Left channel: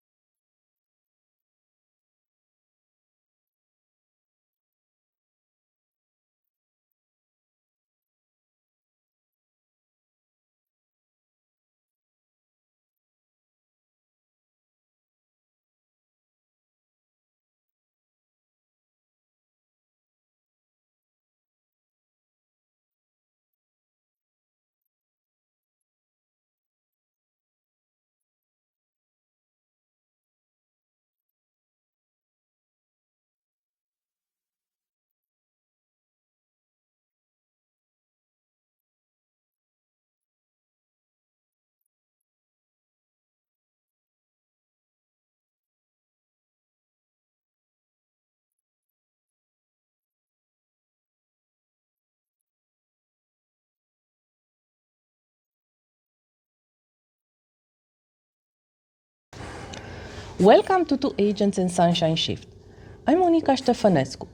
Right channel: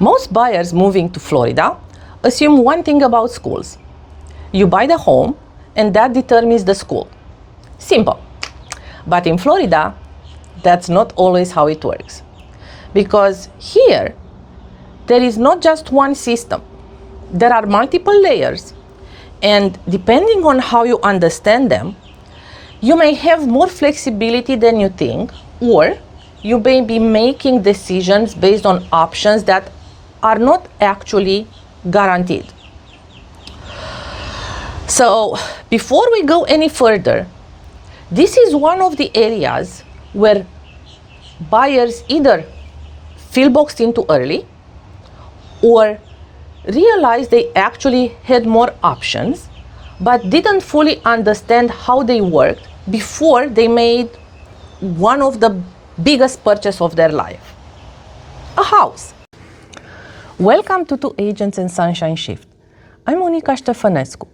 Most buyers moving to Florida assume one thing about schools. You buy the home and that determines the school. Simple. But in Florida, that's not always how it works. Because here, there is not just one system. There are multiple layers, and depending on how you understand them, you may have more flexibility than you think, or you may be making decisions based on options that are not actually guaranteed. So, before we go any further, this is one of the areas where buyers either feel boxed in too early or realize they actually had more options but didn't fully understand how they worked before they made one of the biggest purchases of their life, a house. Welcome to Two Agents and Sunshine Shift. I'm Monica Ștefănescu,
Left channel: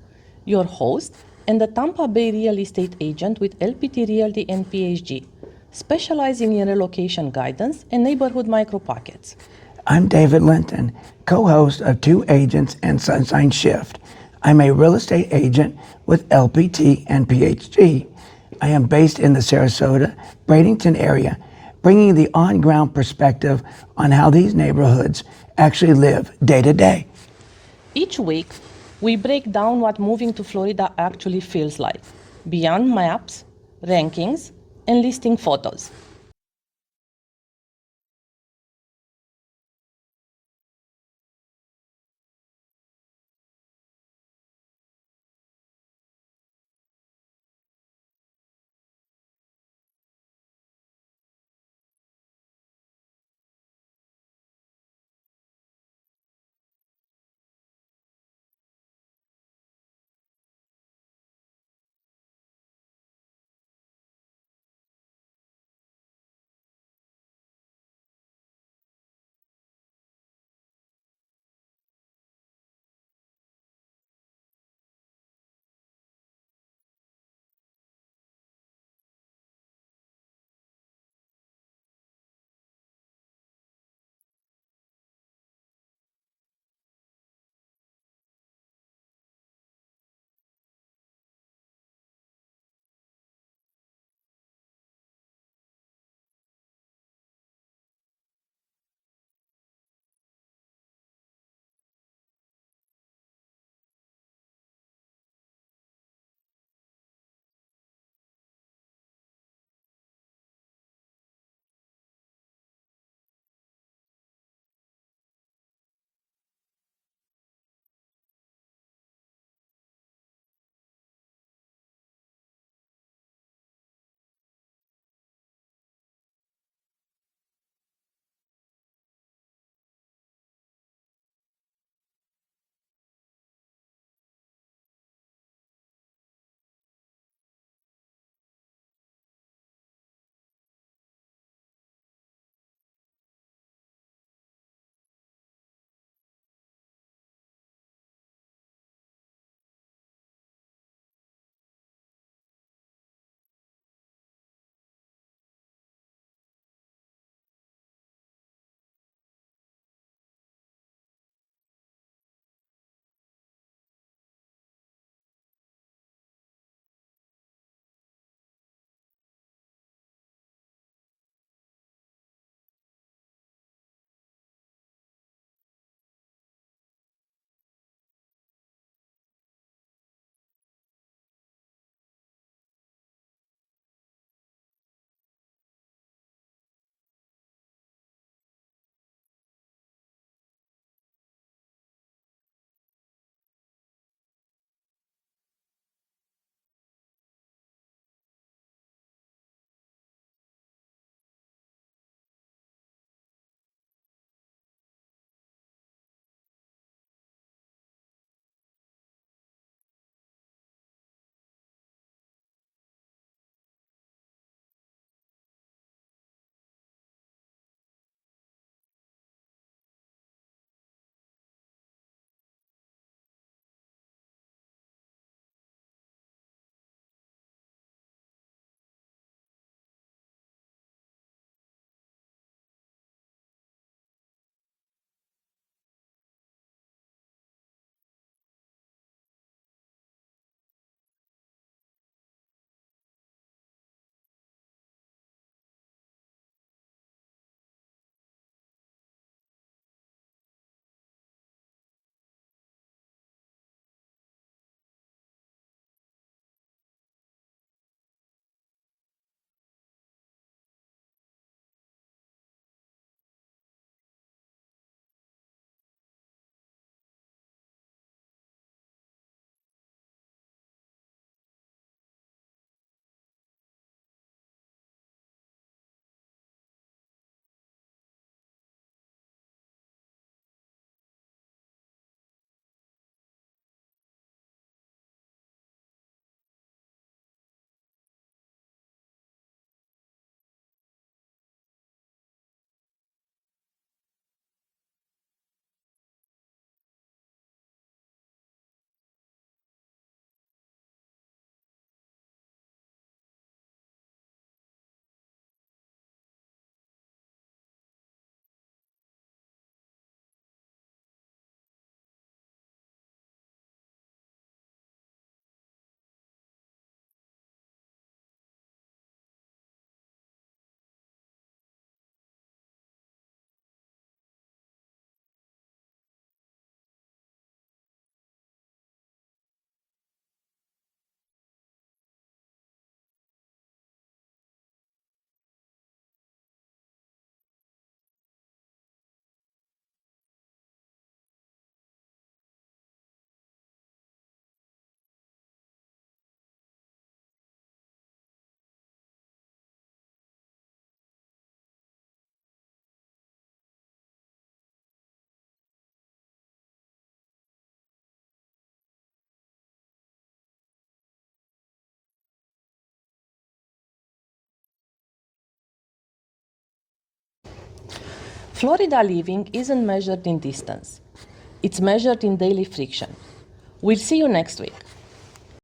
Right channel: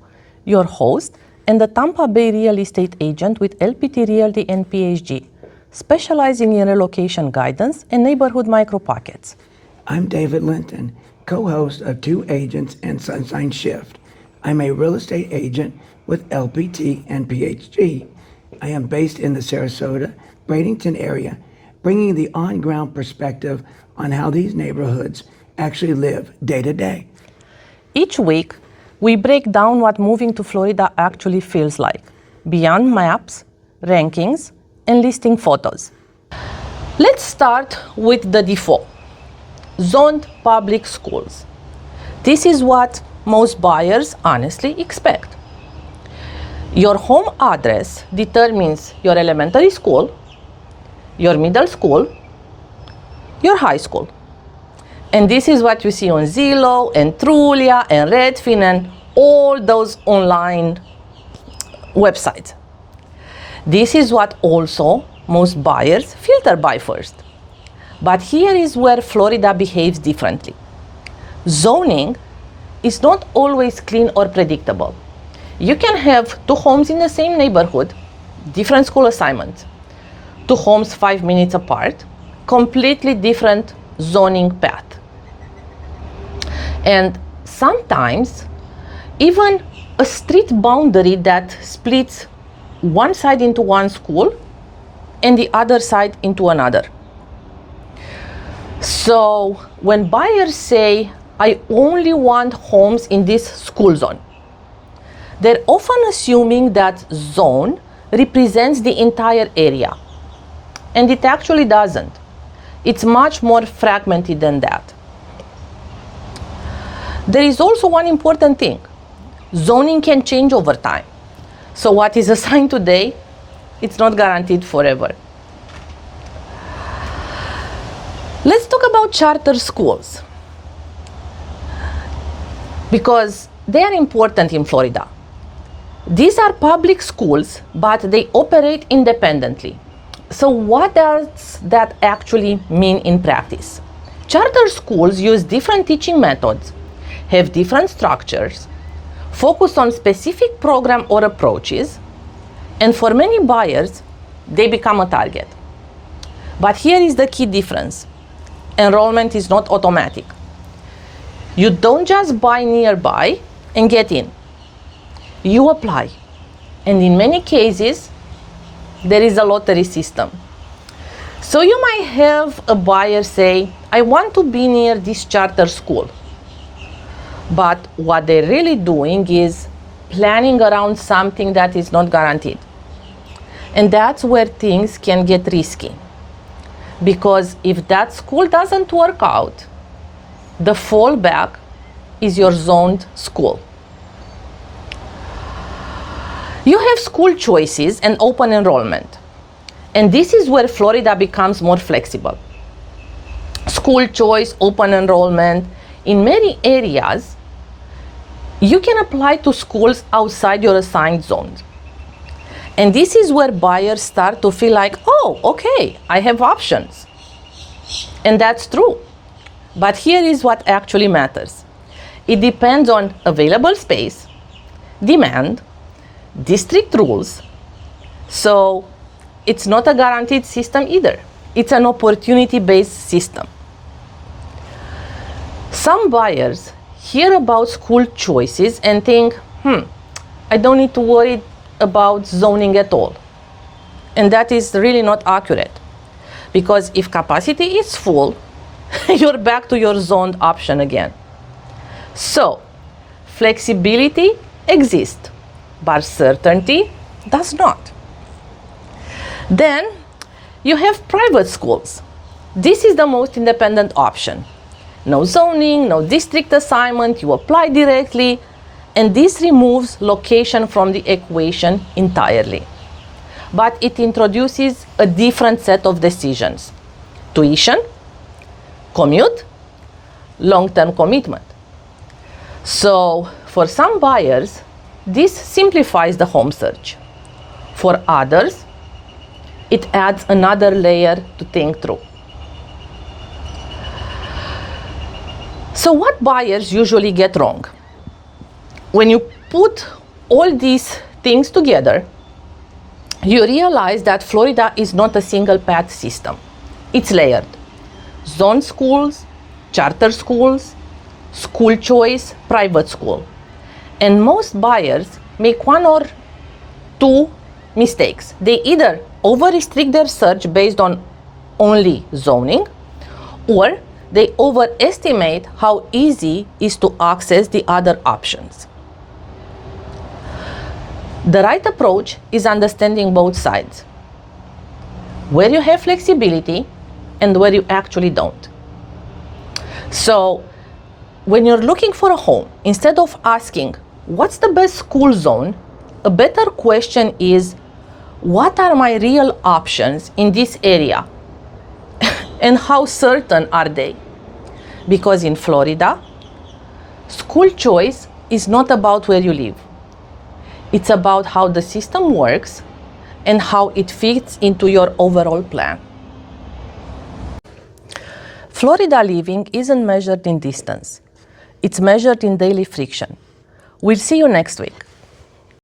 your host and the Tampa Bay real estate agent with LPT Realty and PhD, specializing in relocation guidance and neighborhood micro-pockets. I'm David Linton, co-host of Two Agents and Sunshine Shift. I'm a real estate agent with LPT and PhD. I am based in the Sarasota, Bradenton area, bringing the on-ground perspective on how these neighborhoods actually live day to day. Each week, we break down what moving to Florida actually feels like, beyond maps, rankings, and listing photos. Let's start with the default, zoned public schools. This is what most buyers honestly expect. Your home address determines your elementary school, your middle school, your high school. And this is what you see on Zillow and Trulia and Redfin and all those online websites. This is what also most buyers filter by first. But here is where Florida behaves differently. Zoning is not always clean or predictable. You can have two homes in the same neighborhood, different school assignments, two homes 5 minutes apart, completely different zoning path. And sometimes even a street boundary that splits one side into one school and the other side into another. So when buyers say, I only want homes in this school zone, they're often assuming that zone represents the entire area. And it actually doesn't. It's much more fragmented than that. There is also one important thing. Zoning can change over time. So what is assigned today, it's not guaranteed forever. Let's talk about charter schools, because they are important in Florida. These are public schools, but they operate independently. So what does that actually mean in practice? Charter schools use different teaching methods, have different structures, focus on specific program or approaches, and for many buyers, they become a target. But here is the key difference. Enrollment is not automatic. You don't just buy nearby and get in. You apply. And in many cases, there is a lottery system. So you might have a buyer say, I want to be near this charter school. But what they're really doing is planning around something that is not guaranteed. And that's where things can get risky. Because if that school doesn't work out, the fallback is your zoned school. You have school choices and open enrollment. And this is where Florida becomes more flexible. School choice, open enrollment, in many areas, you can apply to schools outside your assigned zones. And this is where buyers start to feel like, oh, okay, I have options. And that's true. But here is what actually matters. It depends on available space, demand, district rules. So it's not a guaranteed system either. It's an opportunity-based system. Some buyers hear about school choices and think, I don't need to worry about zoning at all. And that is really not accurate. Because if capacity is full, you're back to your zoned option again. So, flexibility exists, but certainty does not. Then, you have private schools. This is the most independent option. No zoning, no district assignment, you apply directly, and this removes location from the equation entirely. But it introduces a different set of decisions: tuition, commute, long-term commitment. So, for some buyers, this simplifies the home search. For others, it adds another layer to think through. So what buyers usually get wrong? When you put all these things together, you realize that Florida is not a single path system. It's layered. Zone schools, charter schools, school choice, private school. And most buyers make one or two mistakes. They either over-restrict their search based on only zoning, or they overestimate how easy it is to access the other options. The right approach is understanding both sides, where you have flexibility and where you actually don't. So, when you're looking for a home, instead of asking, what's the best school zone, a better question is, what are my real options in this area? And how certain are they? Because in Florida, school choice is not about where you live. It's about how the system works and how it fits into your overall plan. Florida living isn't measured in distance. It's measured in daily friction. We'll see you next week.